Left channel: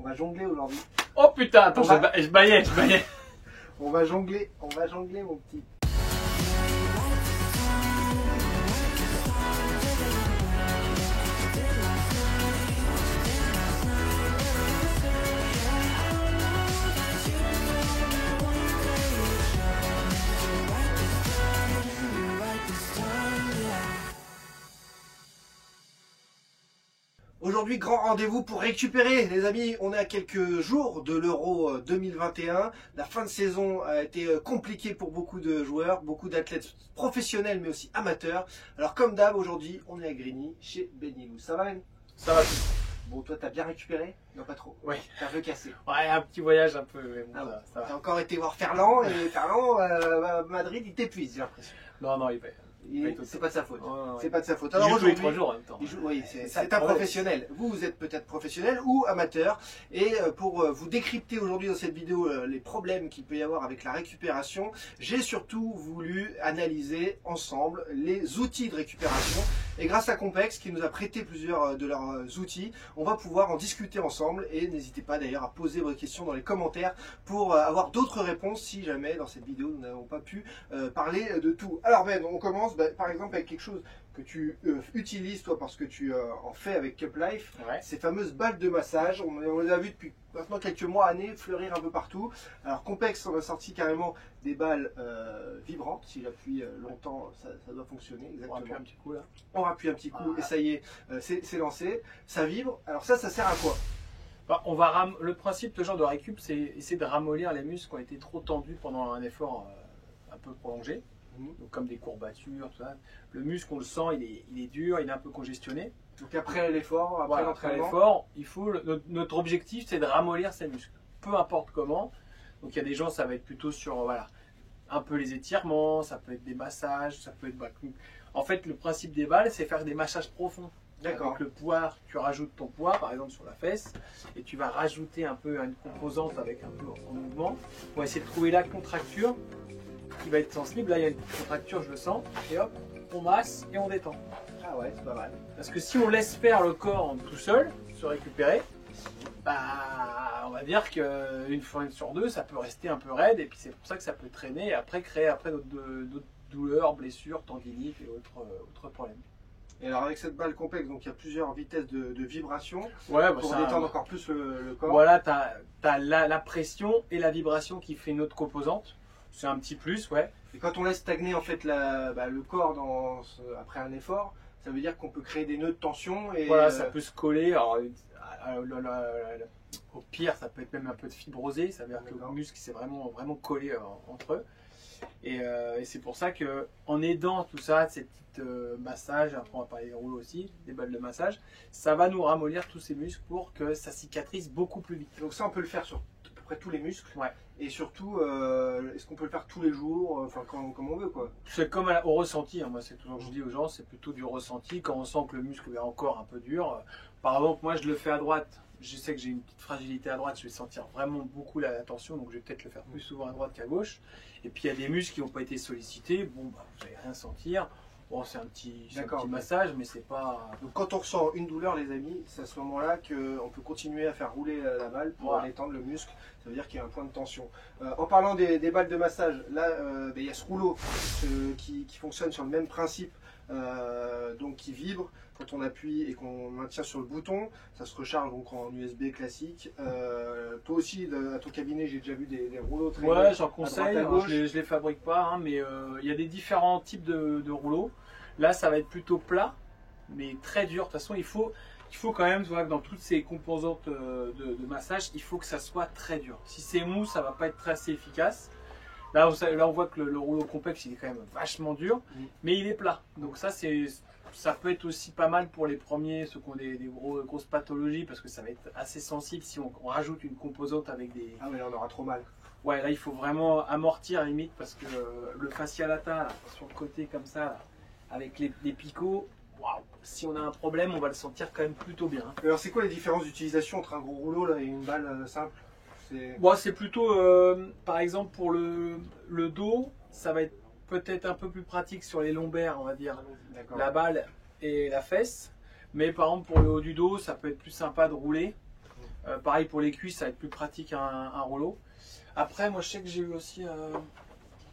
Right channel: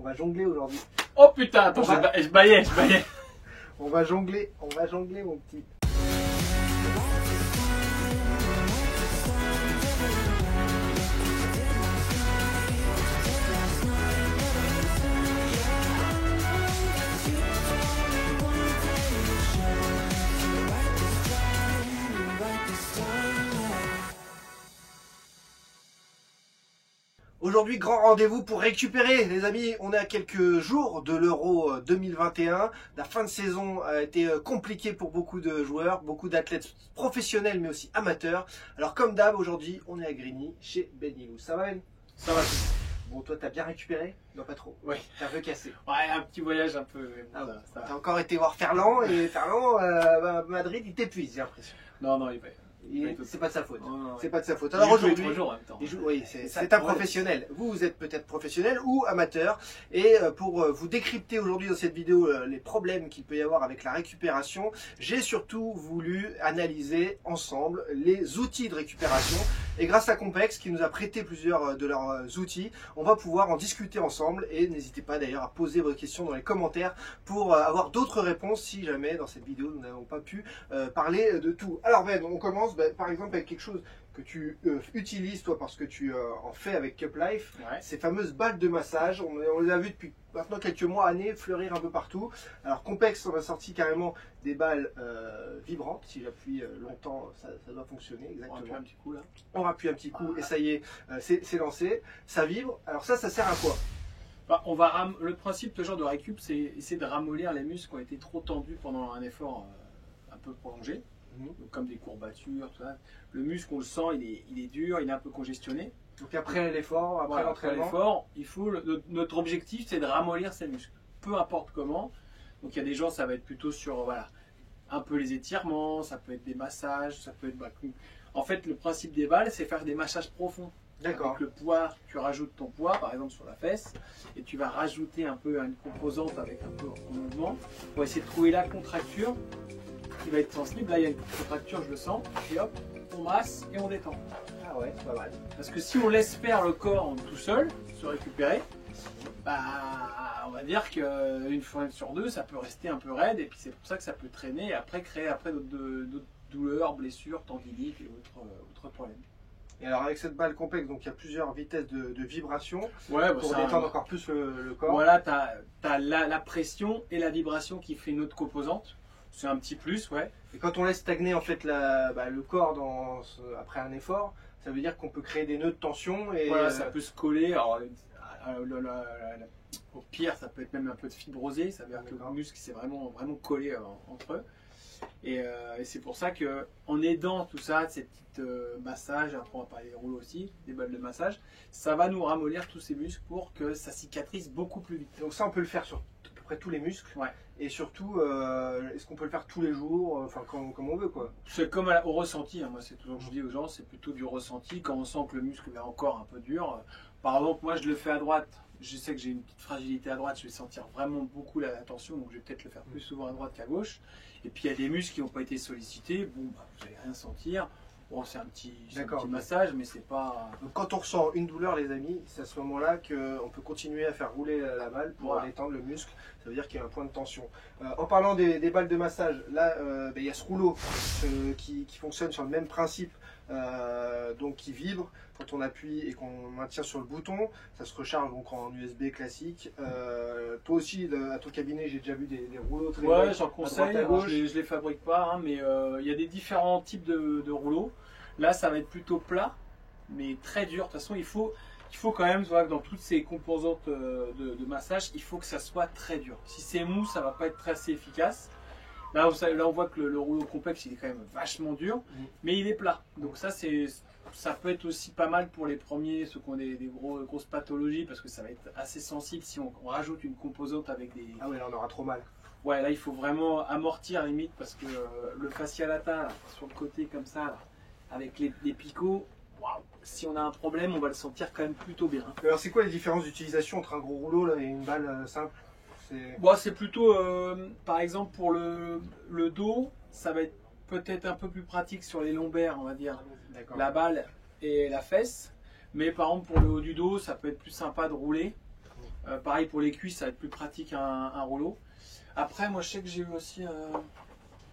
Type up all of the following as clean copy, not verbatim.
On va jongler aujourd'hui. Oh putain, attends, je baillais. On va jongler mon petit. Aujourd'hui, grand rendez-vous pour récupérer, les amis. On est à quelques jours de l'Euro 2021. La fin de saison a été compliquée pour beaucoup de joueurs, beaucoup d'athlètes professionnels, mais aussi amateurs. Alors, comme d'hab, aujourd'hui, on est à Grigny, chez Ben Yilou. Ça va, Ben? Ça va. Bon, toi, t'as bien récupéré? Non, pas trop. Oui. T'as un peu cassé. Ouais, un petit voyage un peu. Mais bon, Ah bon. ça va. T'as encore été voir Ferland, et Ferland, Madrid, il t'épuise, j'ai l'impression. Non, il va. C'est pas de sa faute. Oh, c'est pas de sa faute. Alors aujourd'hui, 3 jours en même temps. Oui, c'est un professionnel. Vous êtes peut-être professionnel ou amateur. Et pour vous décrypter aujourd'hui dans cette vidéo les problèmes qu'il peut y avoir avec la récupération, j'ai surtout voulu analyser ensemble les outils de récupération. Et grâce à Compex qui nous a prêté plusieurs de leurs outils, on va pouvoir en discuter ensemble. Et n'hésitez pas d'ailleurs à poser vos questions dans les commentaires pour avoir d'autres réponses si jamais dans cette vidéo nous n'avons pas pu parler de tout. Alors Ben, on commence par exemple avec quelque chose que tu utilises toi parce que tu en fais avec Cup Life, Ouais. Ces fameuses balles de massage. On les a vues depuis maintenant quelques mois, années, fleurir un peu partout. Alors Compex, on a sorti carrément des balles vibrantes. Si j'appuie longtemps, ça doit fonctionner exactement. On va appuyer un petit coup là. On appuie un petit coup et ça y est, c'est lancé. Ça vibre. Alors ça sert à quoi? Bah, le principe de ce genre de récup, c'est essayer de ramollir les muscles qui ont été trop tendus pendant un effort un peu prolongé. Donc, comme des courbatures, tout ça. Le muscle, on le sent, il est dur, il est un peu congestionné. Donc après l'effort, après l'entraînement, l'effort, notre objectif, c'est de ramollir ces muscles, peu importe comment. Donc il y a des gens, ça va être plutôt sur un peu les étirements, ça peut être des massages, ça peut être. En fait, le principe des balles, c'est faire des massages profonds. D'accord. Avec le poids, tu rajoutes ton poids, par exemple sur la fesse, et tu vas rajouter un peu une composante avec un peu en mouvement pour essayer de trouver la contracture qui va être sensible. Là, il y a une contracture, je le sens, et hop, on masse et on détend. Ah ouais, c'est pas mal. Parce que si on laisse faire le corps tout seul, se récupérer, bah, on va dire qu'une fois sur deux, ça peut rester un peu raide, et puis c'est pour ça que ça peut traîner, et après créer d'autres douleurs, blessures, tendinites et autres problèmes. Et alors avec cette balle complexe, donc il y a plusieurs vitesses de vibration Ouais, pour détendre encore plus le corps. Voilà, tu as la pression et la vibration qui fait une autre composante. C'est un petit plus, ouais. Et quand on laisse stagner en fait le corps après un effort, ça veut dire qu'on peut créer des nœuds de tension. Et voilà, ça peut se coller. Alors, au pire, ça peut être même un peu de fibrosé. Ça veut dire que le muscle s'est vraiment collé entre eux. Et c'est pour ça qu'en aidant tout ça, ces petites massages, après on va parler des rouleaux aussi, des balles de massage, ça va nous ramollir tous ces muscles pour que ça cicatrise beaucoup plus vite. Donc ça, on peut le faire sur à peu près tous les muscles. Ouais. Et surtout, est-ce qu'on peut le faire tous les jours, enfin comme on veut quoi? C'est comme au ressenti, hein. Moi c'est toujours que je dis aux gens, c'est plutôt du ressenti. Quand on sent que le muscle est encore un peu dur, par exemple moi je le fais à droite, je sais que j'ai une petite fragilité à droite, je vais sentir vraiment beaucoup la tension, donc je vais peut-être le faire plus souvent à droite qu'à gauche. Et puis il y a des muscles qui n'ont pas été sollicités, bon bah, vous n'allez rien sentir. Bon, c'est un petit massage, mais c'est pas. Donc quand on ressent une douleur, les amis, c'est à ce moment-là qu'on peut continuer à faire rouler la balle pour détendre le muscle. Ça veut dire qu'il y a un point de tension. En parlant des balles de massage, là, il y a ce rouleau qui fonctionne sur le même principe, donc qui vibre quand on appuie et qu'on maintient sur le bouton. Ça se recharge donc en USB classique. Toi aussi, à ton cabinet, j'ai déjà vu des rouleaux très. Ouais, j'en conseille. Je les fabrique pas, hein, mais il y a des différents types de rouleaux. Là, ça va être plutôt plat, mais très dur. De toute façon, il faut quand même, voir que dans toutes ces composantes de massage, il faut que ça soit très dur. Si c'est mou, ça va pas être assez efficace. Là, on voit que le rouleau complexe, il est quand même vachement dur, mais il est plat. Donc ça peut être aussi pas mal pour les premiers, ceux qui ont des grosses pathologies, parce que ça va être assez sensible si on rajoute une composante avec des... Ah oui, là, on aura trop mal. Ouais, là, il faut vraiment amortir limite, parce que le fascia latin, là, sur le côté comme ça, là, avec les picots, waouh, si on a un problème, on va le sentir quand même plutôt bien. Mais alors, c'est quoi les différences d'utilisation entre un gros rouleau là, et une balle simple? Bon, c'est plutôt, par exemple, pour le dos, ça va être peut-être un peu plus pratique sur les lombaires, on va dire, la balle et la fesse. Mais par exemple, pour le haut du dos, ça peut être plus sympa de rouler. Pareil pour les cuisses, ça va être plus pratique un rouleau. Après, moi je sais que j'ai eu aussi un...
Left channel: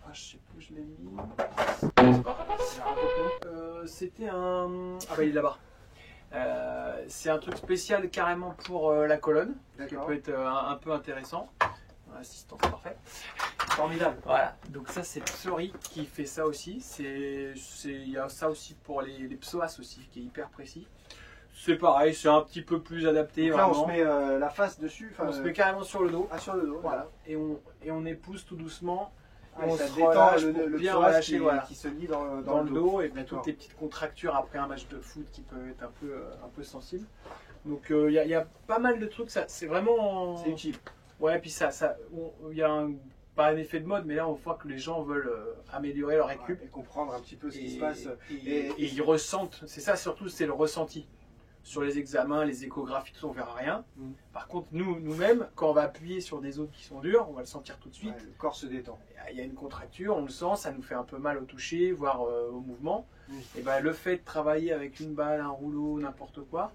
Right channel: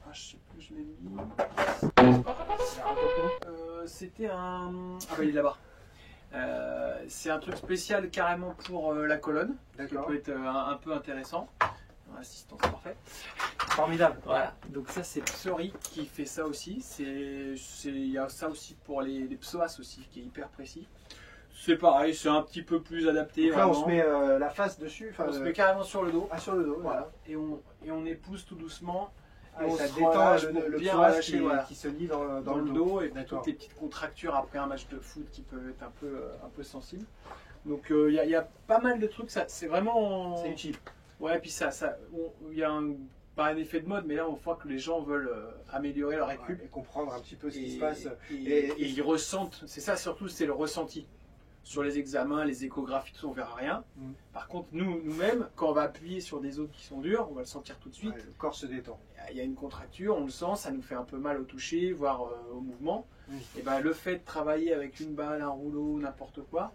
Ah, je sais plus où je l'ai mis. C'était un... Ah oui, là-bas. C'est un truc spécial carrément pour la colonne, qui peut être un peu intéressant. L'assistance parfait. Formidable. Voilà. Donc ça c'est Psori qui fait ça aussi. Il y a ça aussi pour les psoas aussi, qui est hyper précis. C'est pareil, c'est un petit peu plus adapté. Donc là, on se met la face dessus. On se met carrément sur le dos. Ah, sur le dos, voilà. Et on épouse tout doucement. Et ça détend le psoas qui se lie dans le dos et toutes les petites contractures après un match de foot qui peuvent être un peu sensibles. Donc il y a pas mal de trucs, c'est vraiment... C'est utile. Ouais, et puis il y a pas un effet de mode, mais là on voit que les gens veulent améliorer leur récup. Et comprendre un petit peu ce qui se passe. Et ils ressentent, c'est ça surtout, c'est le ressenti. Sur les examens, les échographies, tout ça, on verra rien. Par contre, nous-mêmes, quand on va appuyer sur des os qui sont durs, on va le sentir tout de suite. Le corps se détend. Il y a une contracture, on le sent, ça nous fait un peu mal au toucher, voire au mouvement. Et ben, le fait de travailler avec une balle, un rouleau, n'importe quoi,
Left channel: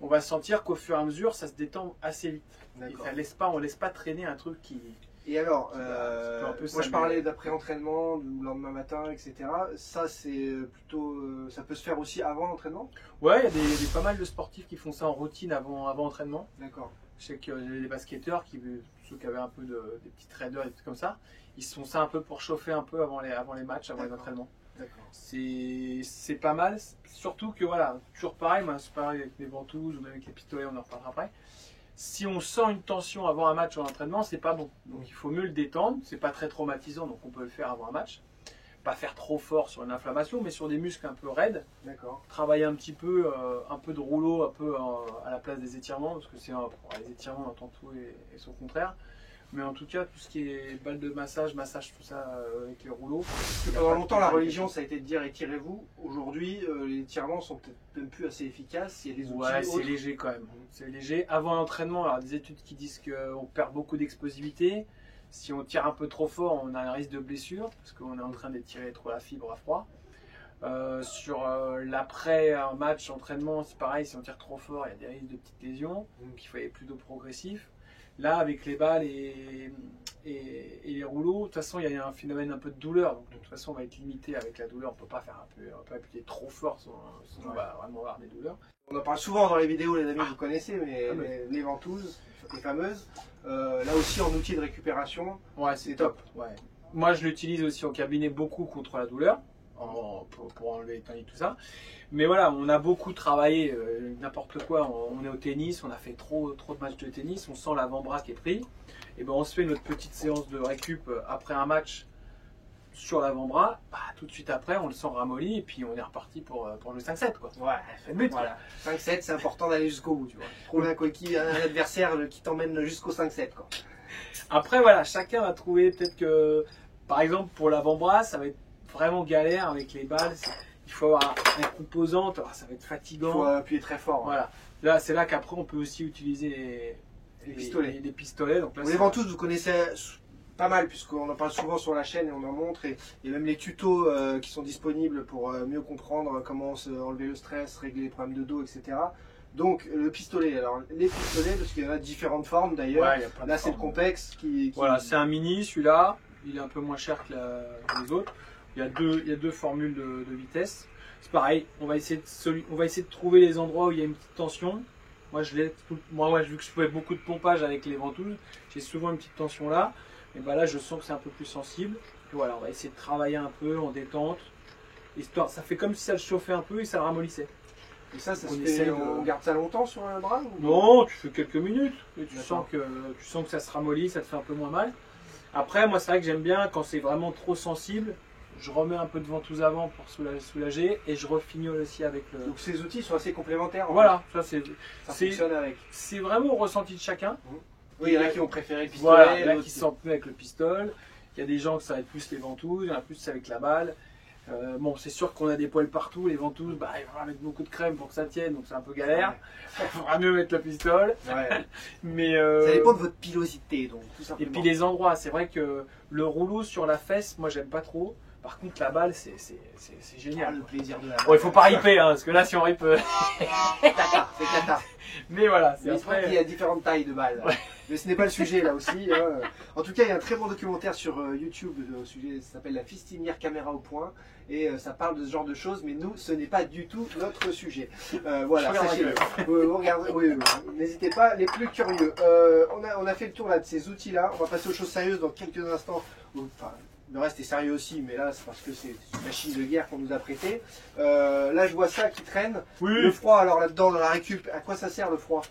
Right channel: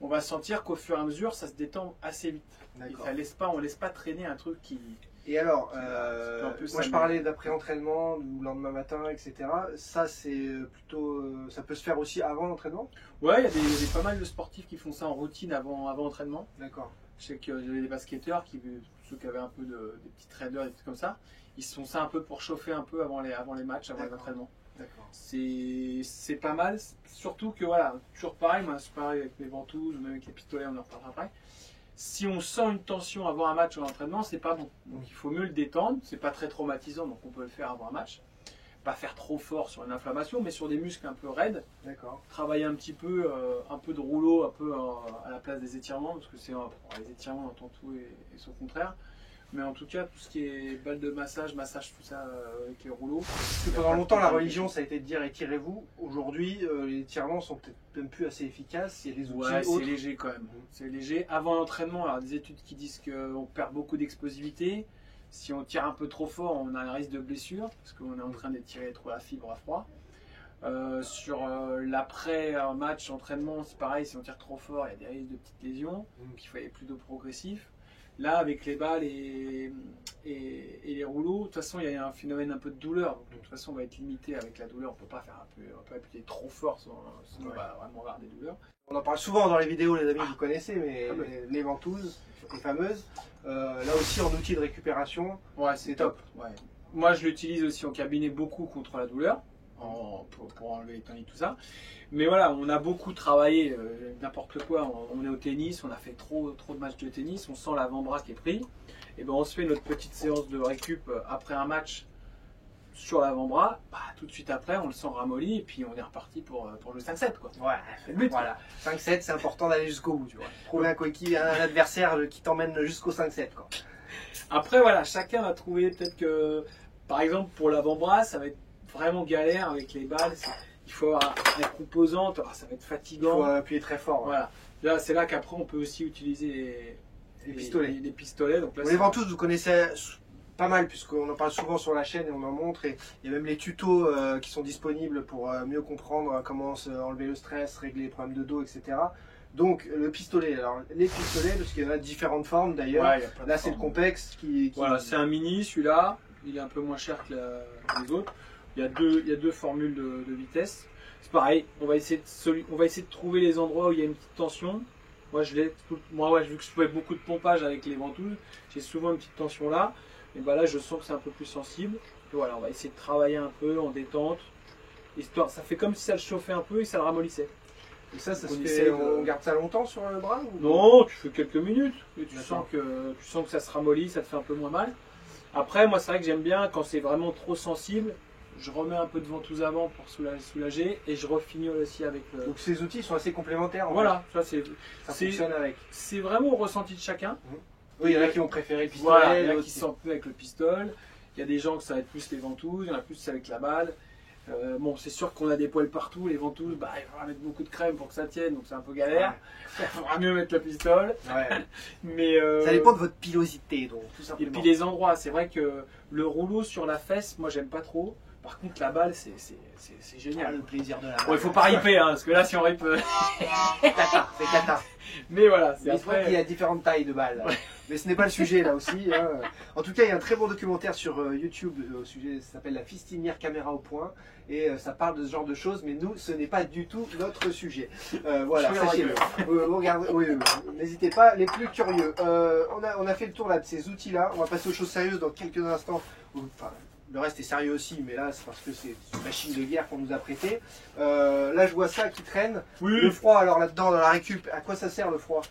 on va sentir qu'au fur et à mesure, ça se détend assez vite. Et on ne laisse pas traîner un truc qui... Et alors, moi je parlais d'après-entraînement, du lendemain matin, etc. Ça, c'est plutôt, ça peut se faire aussi avant l'entraînement? Ouais, il y a pas mal de sportifs qui font ça en routine avant entraînement. D'accord. Je sais que j'ai des basketteurs, ceux qui avaient un peu des petits traders, des trucs comme ça, ils se font ça un peu pour chauffer un peu avant les matchs, avant les entraînements. D'accord. C'est pas mal, surtout que voilà, toujours pareil, moi c'est pareil avec mes ventouses ou même avec les pistolets, on en reparlera après. Si on sent une tension avant un match en entraînement, c'est pas bon. Donc il faut mieux le détendre, c'est pas très traumatisant, donc on peut le faire avant un match. Pas faire trop fort sur une inflammation, mais sur des muscles un peu raides. D'accord. Travailler un petit peu, un peu de rouleau, un peu à la place des étirements, parce que les étirements, on entend tout et son contraire. Mais en tout cas, tout ce qui est balle de massage, tout ça avec les rouleaux. Parce que pendant longtemps, la religion, ça a été de dire étirez-vous. Aujourd'hui, les étirements sont peut-être même plus assez efficaces. Il y a des outils autres. C'est léger quand même. C'est léger. Avant l'entraînement, alors des études qui disent qu'on perd beaucoup d'explosivité. Si on tire un peu trop fort, on a un risque de blessure, parce qu'on est en train d'étirer trop la fibre à froid. Sur l'après-match, entraînement, c'est pareil, si on tire trop fort, il y a des risques de petites lésions. Donc il faut aller plutôt progressif. Là, avec les balles et les rouleaux, de toute façon, il y a un phénomène un peu de douleur. Donc, de toute façon, on va être limité avec la douleur. On ne peut pas appuyer trop fort, sinon on va vraiment avoir des douleurs. On en parle souvent dans les vidéos, les amis, vous connaissez, mais les ventouses, les fameuses. Là aussi, en outil de récupération, ouais, c'est top. Ouais. Moi, je l'utilise aussi en cabinet beaucoup contre la douleur, pour enlever les tendinites, tout ça. Mais voilà, on a beaucoup travaillé, n'importe quoi, on est au tennis, on a fait trop de matchs de tennis, on sent l'avant-bras qui est pris. Et ben on se fait notre petite séance de récup après un match sur l'avant-bras, tout de suite après on le sent ramolli et puis on est reparti pour le 5-7 quoi. Ouais, c'est le but. Voilà. 5-7, c'est important d'aller jusqu'au bout, tu vois. Trouver un coéquipier, un adversaire qui t'emmène jusqu'au 5-7 quoi. Après voilà, chacun va trouver peut-être que, par exemple pour l'avant-bras, ça va être vraiment galère avec les balles. Il faut avoir une composante, ça va être fatigant. Il faut appuyer très fort. Voilà. Là, c'est là qu'après on peut aussi utiliser les pistolets. Donc là, les ventouses, vous connaissez pas mal, puisqu'on en parle souvent sur la chaîne et on en montre. Et il y a même les tutos qui sont disponibles pour mieux comprendre comment enlever le stress, régler les problèmes de dos, etc. Donc le pistolet, alors les pistolets, parce qu'il y en a différentes formes d'ailleurs. Ouais, là, c'est le complexe qui... Voilà, c'est un mini, celui-là. Il est un peu moins cher que les autres. Il y a deux formules de vitesse. C'est pareil, on va essayer de trouver les endroits où il y a une petite tension. Moi, vu que je fais beaucoup de pompage avec les ventouses, j'ai souvent une petite tension là. Et ben là, je sens que c'est un peu plus sensible. Et voilà, on va essayer de travailler un peu en détente. Histoire, ça fait comme si ça le chauffait un peu et ça le ramollissait. Et ça on garde ça longtemps sur le bras ou... Non, tu fais quelques minutes. Et tu sens que ça se ramollit, ça te fait un peu moins mal. Après, moi, c'est vrai que j'aime bien quand c'est vraiment trop sensible. Je remets un peu de ventouse avant pour soulager et je refignole aussi avec le... Donc ces outils sont assez complémentaires. Voilà, ça fonctionne avec. C'est vraiment au ressenti de chacun. Oui, il y en a qui ont préféré le pistolet. Voilà, il y en a qui se sentent mieux avec le pistolet. Il y a des gens que ça va être plus les ventouses, il y en a plus avec la balle. Bon, c'est sûr qu'on a des poils partout, les ventouses, il faudra mettre beaucoup de crème pour que ça tienne, donc c'est un peu galère. Il faudra mieux mettre le pistolet. Ouais. Mais ça dépend de votre pilosité, donc tout simplement. Et puis les endroits, c'est vrai que le rouleau sur la fesse, moi j'aime pas trop. Par contre, la balle, c'est génial. Le plaisir de la balle. Bon, il faut pas riper, hein, parce que là, si on ripe... c'est cata. Mais voilà, c'est après qu'il y a différentes tailles de balles. Ouais. Mais ce n'est pas le sujet là aussi. Hein. En tout cas, il y a un très bon documentaire sur YouTube au sujet, ça s'appelle La fistinière caméra au point. Et ça parle de ce genre de choses, mais nous, ce n'est pas du tout notre sujet. Voilà, sachez-le. N'hésitez pas, les plus curieux. On a fait le tour là de ces outils-là. On va passer aux choses sérieuses dans quelques instants. Enfin, le reste est sérieux aussi, mais là, c'est parce que c'est une machine de guerre qu'on nous a prêtée. Là, je vois ça qui traîne. Oui. Le froid, alors là-dedans, dans la récup, à quoi ça sert le froid?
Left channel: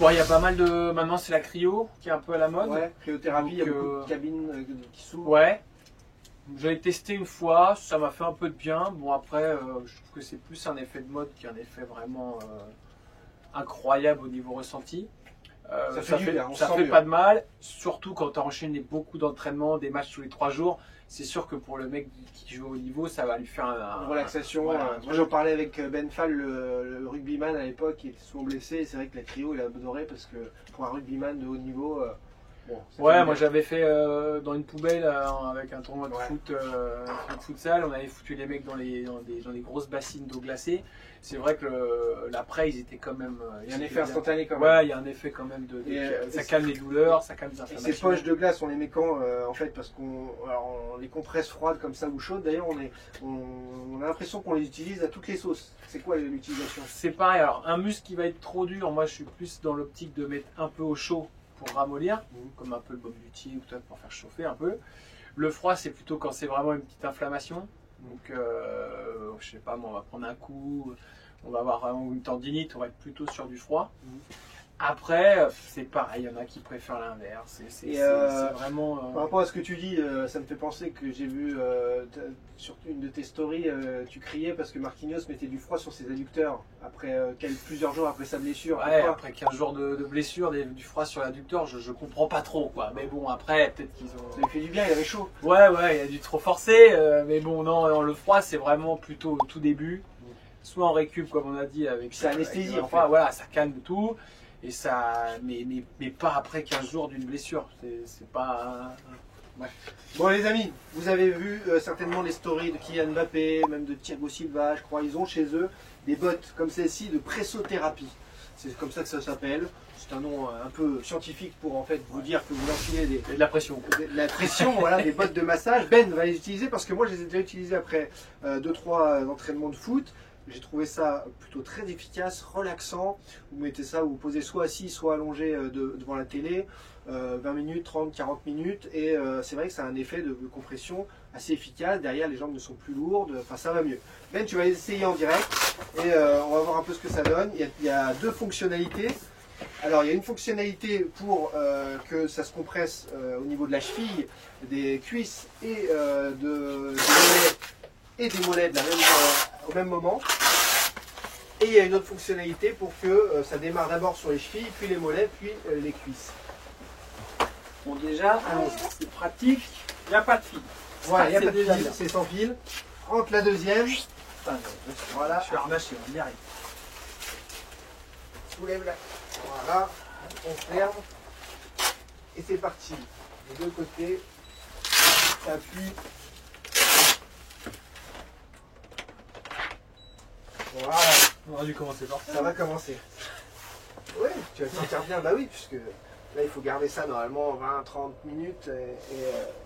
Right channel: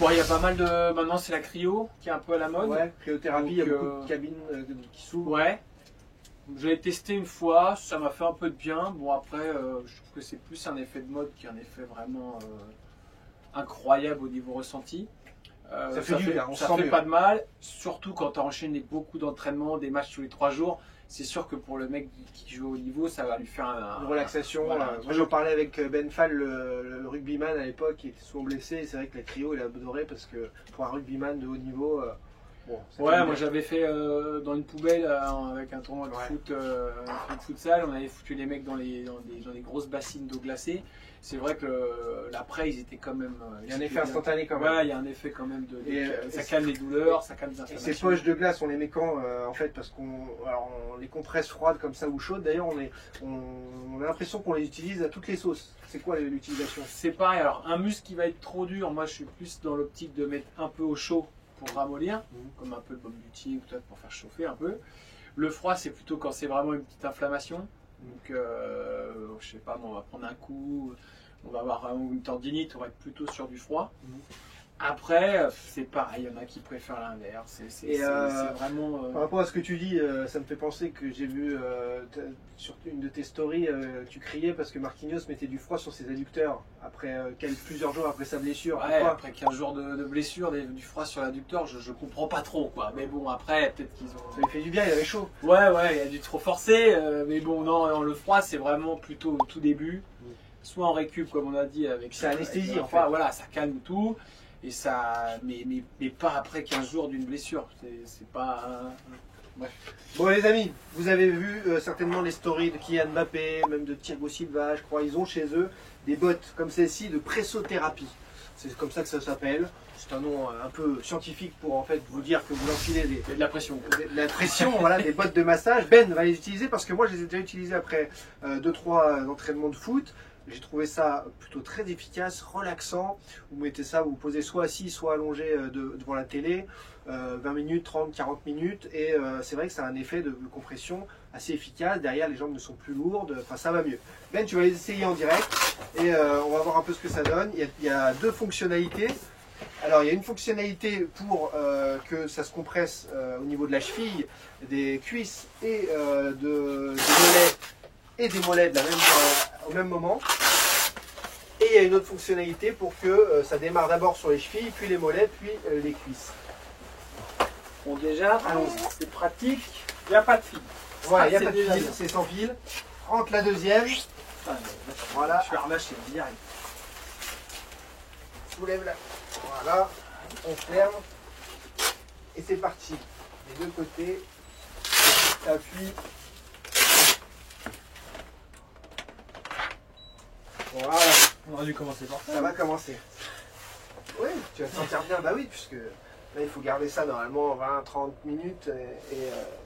Bon, il y a pas mal de... Maintenant, c'est la cryo qui est un peu à la mode. Ouais, cryothérapie, il y a beaucoup de cabines qui s'ouvrent. Ouais. J'ai testé une fois, ça m'a fait un peu de bien. Bon, après, je trouve que c'est plus un effet de mode qu'un effet vraiment incroyable au niveau ressenti. Ça fait pas de mal, surtout quand tu as enchaîné beaucoup d'entraînements, des matchs tous les 3 jours. C'est sûr que pour le mec qui joue au niveau, ça va lui faire une relaxation. Voilà, moi, j'en parlais avec Ben Fall, le rugbyman à l'époque, qui était souvent blessé. Et c'est vrai que la cryo, il a adoré parce que pour un rugbyman de haut niveau. Bon, ouais, moi j'avais fait dans une poubelle avec un tournoi de foot, de futsal, on avait foutu les mecs dans les grosses bassines d'eau glacée. C'est vrai que l'après, ils étaient quand même. Il y a un effet instantané quand même. Ouais, il y a un effet quand même de. Ça calme les douleurs, ça calme les inflammations. Et ces poches de glace, on les met quand en fait, parce qu'on les compresse froides comme ça ou chaudes. D'ailleurs, on a l'impression qu'on les utilise à toutes les sauces. C'est quoi l'utilisation? C'est pareil. Alors, un muscle qui va être trop dur, moi je suis plus dans l'optique de mettre un peu au chaud pour ramollir, comme un peu le baume du tigre, pour faire chauffer un peu. Le froid, c'est plutôt quand c'est vraiment une petite inflammation. Donc, je sais pas, on va prendre un coup, on va avoir vraiment une tendinite, on va être plutôt sur du froid. Après, c'est pareil, il y en a qui préfèrent l'inverse. C'est vraiment. Par rapport à ce que tu dis, ça me fait penser que j'ai vu sur une de tes stories, tu criais parce que Marquinhos mettait du froid sur ses adducteurs après plusieurs jours après sa blessure. Ouais, après 15 jours de blessure, du froid sur l'adducteur, je comprends pas trop quoi. Mais bon, après, peut-être qu'ils ont. Ça lui fait du bien, il avait chaud. Ouais, il a dû trop forcer. Mais bon, non, le froid, c'est vraiment plutôt au tout début. Soit en récup, comme on a dit, avec. C'est anesthésie en fait. Voilà, ça calme tout. Et ça, mais pas après 15 jours d'une blessure. C'est pas. Ouais. Bon les amis, vous avez vu certainement les stories de Kylian Mbappé, même de Thiago Silva, je crois. Ils ont chez eux des bottes comme celle-ci de pressothérapie. C'est comme ça que ça s'appelle. C'est un nom un peu scientifique pour en fait vous dire que vous enfilez de la pression. De la pression, voilà, des bottes de massage. Ben va les utiliser parce que moi je les ai déjà utilisées après 2-3 entraînements de foot. J'ai trouvé ça plutôt très efficace, relaxant. Vous mettez ça, vous vous posez soit assis, soit allongé devant la télé, 20 minutes, 30, 40 minutes. Et c'est vrai que ça a un effet de compression assez efficace. Derrière, les jambes ne sont plus lourdes. Enfin, ça va mieux. Ben, tu vas les essayer en direct et on va voir un peu ce que ça donne. Il y a 2 fonctionnalités. Alors, il y a une fonctionnalité pour que ça se compresse au niveau de la cheville, des cuisses et des mollets et des mollets au même moment. Et il y a une autre fonctionnalité pour que ça démarre d'abord sur les chevilles, puis les mollets, puis les cuisses. Bon déjà, c'est pratique, il n'y a pas de fil. Voilà, il n'y a pas de fil, c'est sans fil. Entre la deuxième. Voilà. Je vais relâcher, on y arrive. Soulève la. Voilà, on ferme. Et c'est parti. Les 2 côtés. T'appuies. Voilà. On aurait dû commencer par ça. Ça va commencer. Oui, tu vas te sentir bien, bah oui, puisque là il faut garder ça normalement 20-30 minutes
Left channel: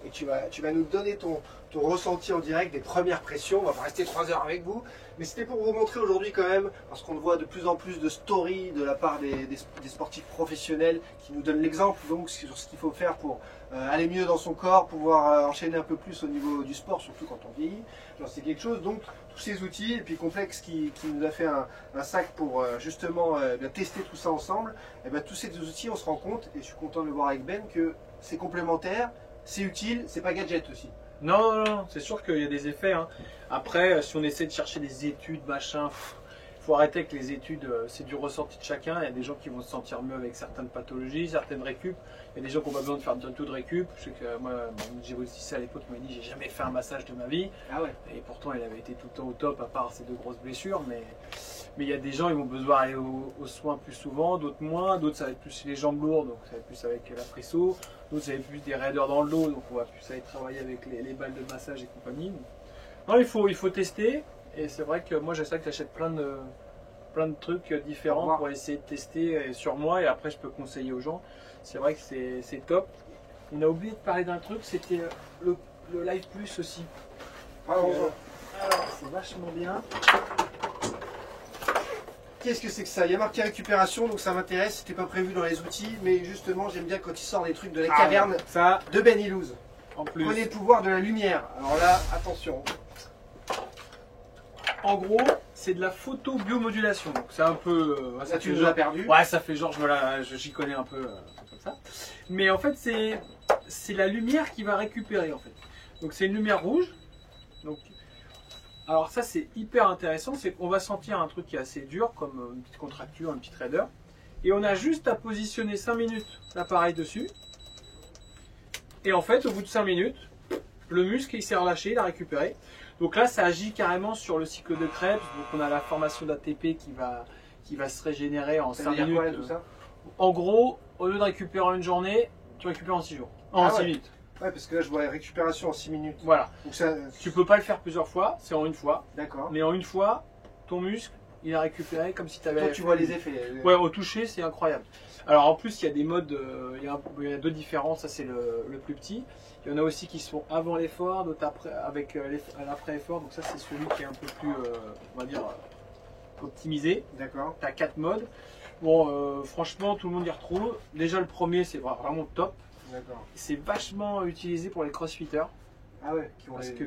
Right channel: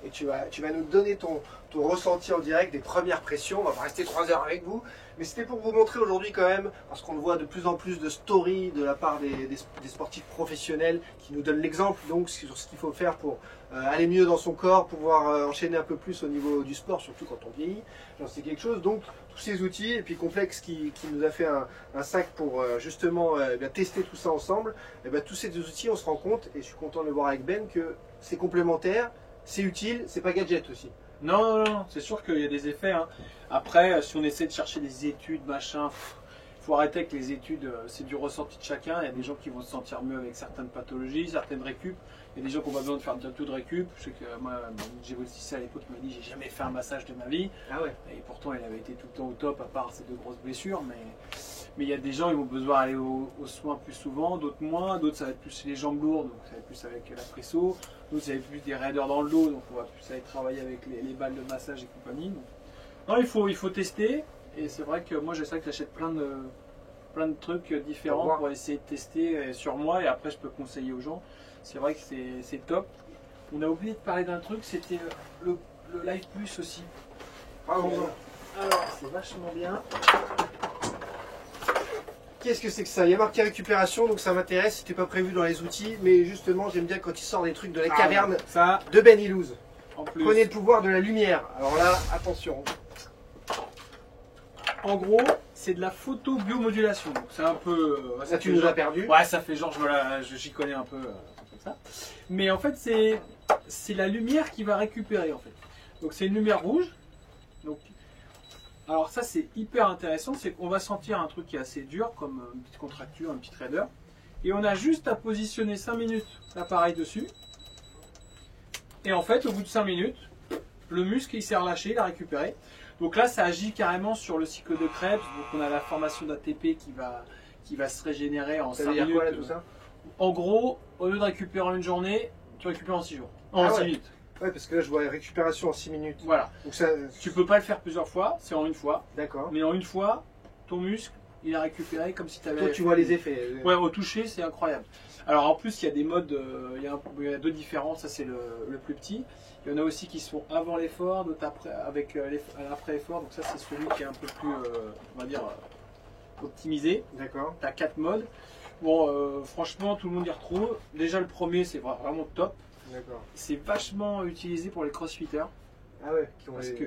et tu vas nous donner ton ressenti en direct des premières pressions. On va pas rester 3 heures avec vous, mais c'était pour vous montrer aujourd'hui quand même, parce qu'on voit de plus en plus de stories de la part des sportifs professionnels qui nous donnent l'exemple donc sur ce qu'il faut faire pour aller mieux dans son corps, pouvoir enchaîner un peu plus au niveau du sport, surtout quand on vieillit. J'en sais quelque chose, donc tous ces outils, et puis Complex qui nous a fait un sac pour justement tester tout ça ensemble, et tous ces 2 outils, on se rend compte, et je suis content de le voir avec Ben, que c'est complémentaire, c'est utile, c'est pas gadget aussi. Non, c'est sûr qu'il y a des effets. Hein. Après, si on essaie de chercher des études, machin, faut arrêter avec les études, c'est du ressenti de chacun. Il y a des gens qui vont se sentir mieux avec certaines pathologies, certaines récup. Il y a des gens qui ont pas besoin de faire bientôt de récup. Je sais que moi, j'ai aussi à l'époque, il m'a dit j'ai jamais fait un massage de ma vie. Ah ouais. Et pourtant, il avait été tout le temps au top, à part ces 2 grosses blessures. Mais il y a des gens, ils vont besoin d'aller aux soins plus souvent, d'autres moins. D'autres, ça va être plus les jambes lourdes, donc ça va être plus avec la presso. D'autres, ça va être plus des raideurs dans le dos, donc on va plus aller travailler avec les balles de massage et compagnie. Donc, non, il faut tester. Et c'est vrai que moi, j'essaie que j'achète plein de trucs différents pour essayer de tester sur moi. Et après, je peux conseiller aux gens. C'est vrai que c'est top. On a oublié de parler d'un truc, c'était le Live Plus aussi. Alors, c'est vachement bien. Qu'est-ce que c'est que ça? Il y a marqué récupération, donc ça m'intéresse. C'était pas prévu dans les outils, mais justement, j'aime bien quand il sort des trucs de la caverne ça, de Ben Illouz. Plus. Prenez le pouvoir de la lumière. Alors là, attention. En gros, c'est de la photo biomodulation. C'est un peu. Ça, tu nous as perdu. Ouais, ça fait genre, j'y connais un peu comme ça. Mais en fait, c'est la lumière qui va récupérer en fait. Donc c'est une lumière rouge. Donc, alors ça, c'est hyper intéressant. C'est qu'on va sentir un truc qui est assez dur, comme une petite contracture, un petit raideur. Et on a juste à positionner 5 minutes l'appareil dessus. Et en fait, au bout de 5 minutes, le muscle il s'est relâché, il a récupéré. Donc là, ça agit carrément sur le cycle de Krebs. Donc on a la formation d'ATP qui va se régénérer en 5 minutes. Quoi, tout ça en gros, au lieu de récupérer en une journée, tu récupères en 6 jours. En 6 minutes. Ouais, parce que là, je vois récupération en 6 minutes. Voilà. Donc ça... Tu peux pas le faire plusieurs fois, c'est en une fois. D'accord. Mais en une fois, ton muscle, il a récupéré comme si tu avais... Toi, tu vois les effets. Ouais, au toucher, c'est incroyable. Alors en plus, il y a des modes, il y a 2 différents, ça c'est le plus petit. Il y en a aussi qui sont avant l'effort, d'autres après, avec l'après-effort. Donc ça, c'est celui qui est un peu plus, on va dire, optimisé. D'accord. Tu as 4 modes. Bon, franchement, tout le monde y retrouve. Déjà, le premier, c'est vraiment top. D'accord. C'est vachement utilisé pour les crossfitters. Ah ouais,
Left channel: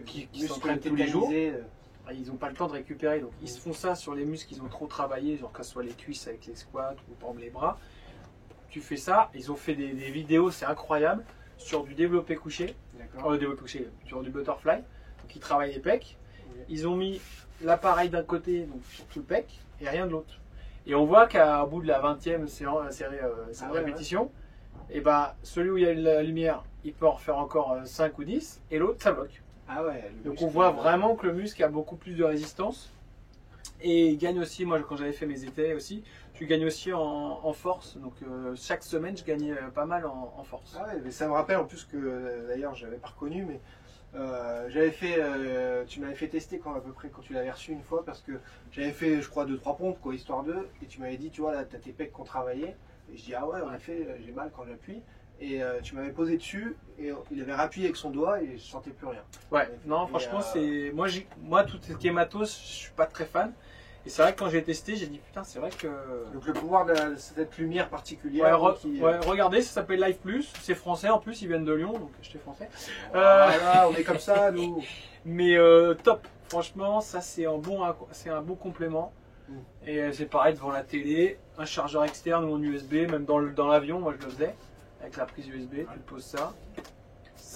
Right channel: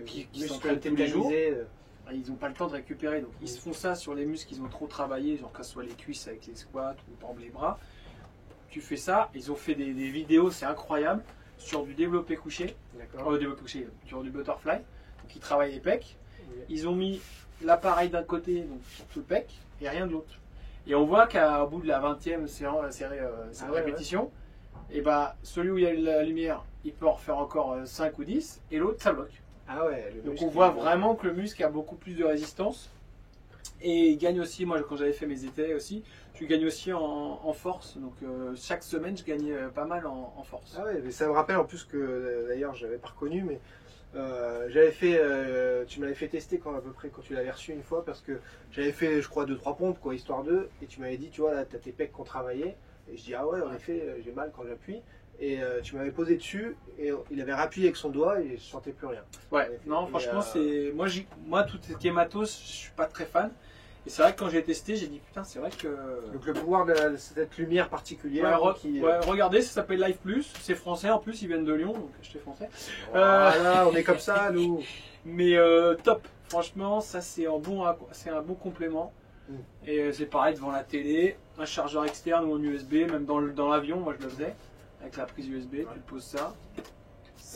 qui s'entraînent tous les jours. Ils n'ont pas le temps de récupérer. Donc, ils se font ça sur les muscles qu'ils ont trop travaillé, genre que ce soit les cuisses avec les squats ou par exemple les bras. Tu fais ça. Ils ont fait des vidéos, c'est incroyable. Sur du développé couché, développé couché, sur du butterfly, donc ils travaillent les pecs. Okay. Ils ont mis l'appareil d'un côté, donc sur le pec, et rien de l'autre. Et on voit qu'au bout de la 20e répétition, et bah, celui où il y a la lumière, il peut en refaire encore 5 ou 10, et l'autre, ça bloque. Ah ouais, donc on voit vraiment que le muscle a beaucoup plus de résistance. Et il gagne aussi, moi quand j'avais fait mes étés aussi, tu gagnes aussi en force. Donc chaque semaine, je gagnais pas mal en force. Ah ouais, mais ça me rappelle en plus que d'ailleurs, je l'avais pas reconnu, mais j'avais fait, tu m'avais fait tester quand à peu près quand tu l'avais reçu une fois, parce que j'avais fait, je crois, 2-3 pompes, quoi, histoire d'eux, et tu m'avais dit, tu vois, là, tu as tes pecs qu'on travaillait, et je dis, ah ouais, en effet, j'ai mal quand j'appuie. Et tu m'avais posé dessus et il avait rappuyé avec son doigt et je sentais plus rien. Ouais, non, franchement, c'est moi tout ce qui est matos, je suis pas très fan. Et c'est vrai que quand j'ai testé, j'ai dit putain, c'est vrai que. Donc le pouvoir de cette lumière particulière. Ouais, regardez, ça s'appelle Live Plus, c'est français en plus, ils viennent de Lyon, donc j'étais français. Voilà, on est comme ça, nous. Mais top, franchement, ça c'est un bon complément. Et c'est pareil devant la télé, un chargeur externe ou en USB, même dans l'avion, moi je le faisais. Avec la prise USB, tu poses ça.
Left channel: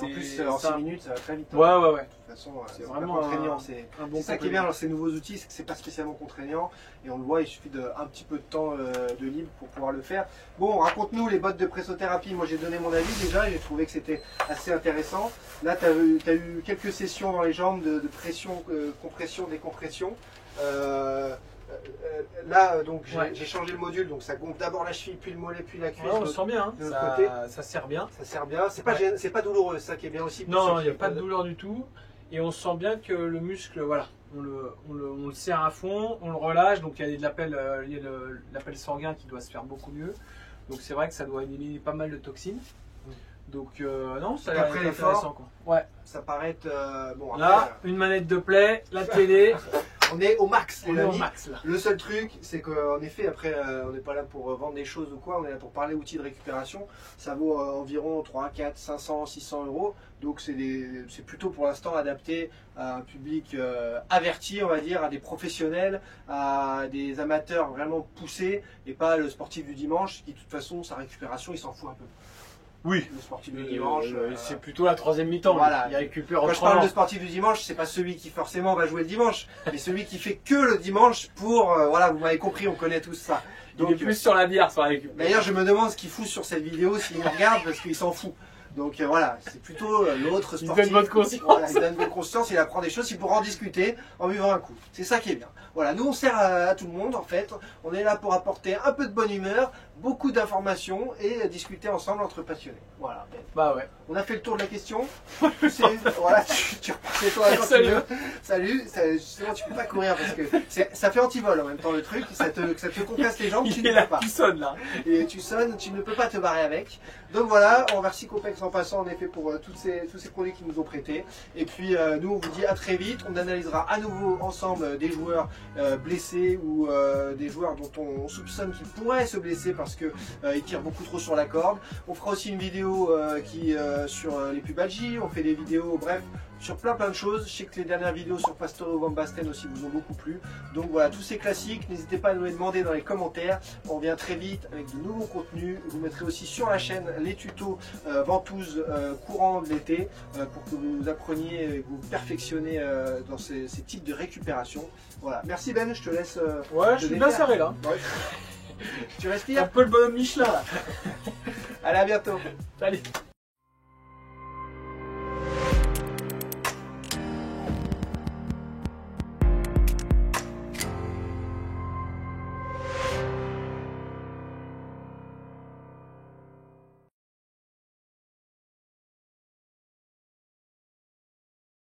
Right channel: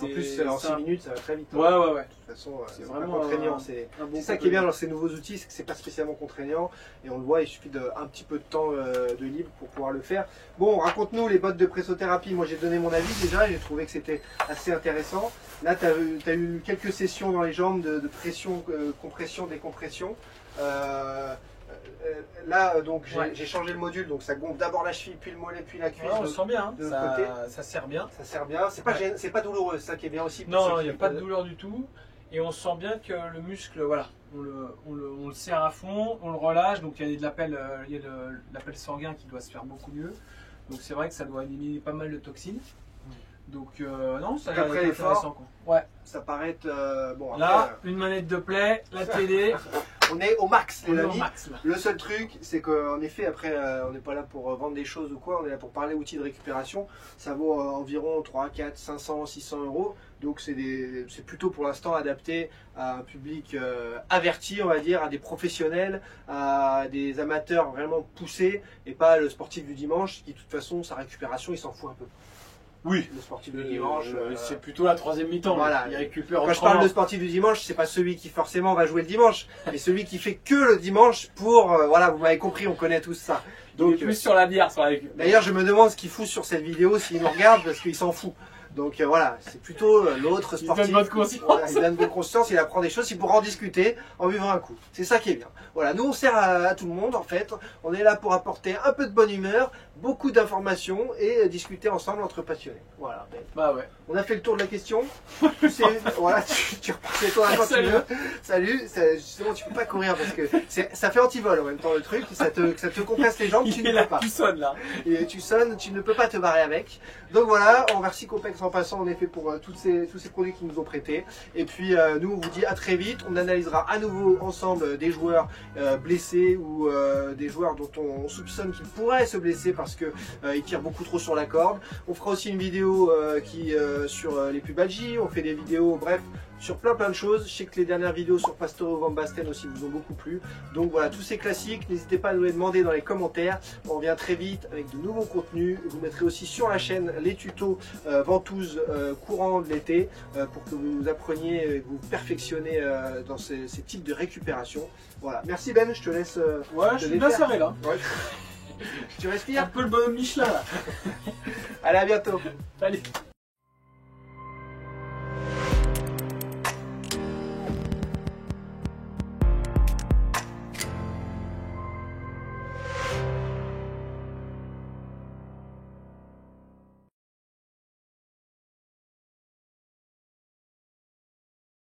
En plus, en 6 minutes, ça va très vite. Hein. Ouais. De toute façon, c'est vraiment contraignant. C'est ça qui est bien dans ces nouveaux outils, c'est que c'est pas spécialement contraignant. Et on le voit, il suffit d'un petit peu de temps de libre pour pouvoir le faire. Bon, raconte-nous les bottes de pressothérapie. Moi, j'ai donné mon avis déjà. J'ai trouvé que c'était assez intéressant. Là, tu as eu quelques sessions dans les jambes de pression, compression, décompression. Là, donc j'ai changé le module, donc ça gonfle d'abord la cheville, puis le mollet, puis la cuisse. On sent bien, hein. Ça sert bien. Ça sert bien. C'est pas douloureux, ça qui est bien aussi. Non, il n'y a pas de douleur du tout. Et on sent bien que le muscle, voilà, on le serre à fond, on le relâche. Donc il y a de l'appel sanguin qui doit se faire beaucoup mieux. Donc c'est vrai que ça doit éliminer pas mal de toxines. Donc non, ça a l'air intéressant. Ouais, ça paraît être bon. Là, une manette de play, la télé. On est au max, on est au max là. Le seul truc, c'est qu'en effet, après, on n'est pas là pour vendre des choses ou quoi, on est là pour parler outils de récupération. Ça vaut environ 3, 4, 500, 600 euros. Donc c'est plutôt pour l'instant adapté à un public averti, on va dire, à des professionnels, à des amateurs vraiment poussés, et pas le sportif du dimanche qui, de toute façon, sa récupération, il s'en fout un peu. Oui. Le sportif du dimanche, c'est plutôt la troisième mi-temps. Voilà. Il récupère. Quand je parle de sportif du dimanche, c'est pas celui qui forcément va jouer le dimanche, mais celui qui fait que le dimanche pour, voilà, vous m'avez compris, on connaît tous ça. Donc, il est plus sur la bière, sur la récup. D'ailleurs, je me demande ce qu'il fout sur cette vidéo, s'il nous regarde, parce qu'il s'en fout. Donc voilà, c'est plutôt l'autre sportif. Il donne bonne conscience. Voilà, il donne bonne conscience, il apprend des choses, il pourra en discuter en buvant un coup. C'est ça qui est bien. Voilà, nous on sert à tout le monde en fait. On est là pour apporter un peu de bonne humeur, beaucoup d'informations et discuter ensemble entre passionnés. Voilà. Ben, bah ouais. On a fait le tour de la question. Voilà, tu reprends les tours là quand tu veux. Salut, justement tu peux pas courir parce que ça fait antivol en même temps le truc, ça te compresse les jambes, tu ne peux pas. Il sonne là. Et tu sonnes, tu ne peux pas te barrer avec. Donc voilà, on remercie Copex en passant en effet pour tous ces produits qu'ils nous ont prêtés. Et puis nous on vous dit à très vite, on analysera à nouveau ensemble des joueurs blessés ou des joueurs dont on soupçonne qu'ils pourraient se blesser parce que ils tirent beaucoup trop sur la corde. On fera aussi une vidéo sur les pubs Algi, on fait des vidéos, bref, sur plein de choses. Je sais que les dernières vidéos sur Pastore Van Basten aussi vous ont beaucoup plu. Donc voilà, tous ces classiques, n'hésitez pas à nous les demander dans les commentaires. On revient très vite avec de nouveaux contenus. Vous mettrez aussi sur la chaîne les tutos ventouses courant de l'été pour que vous appreniez et vous perfectionnez dans ces types de récupération. Voilà, merci Ben, je te laisse. Ouais, je suis bien serré là. Ouais. Tu respires un peu le bonhomme Michelin là. Allez, à bientôt. Salut.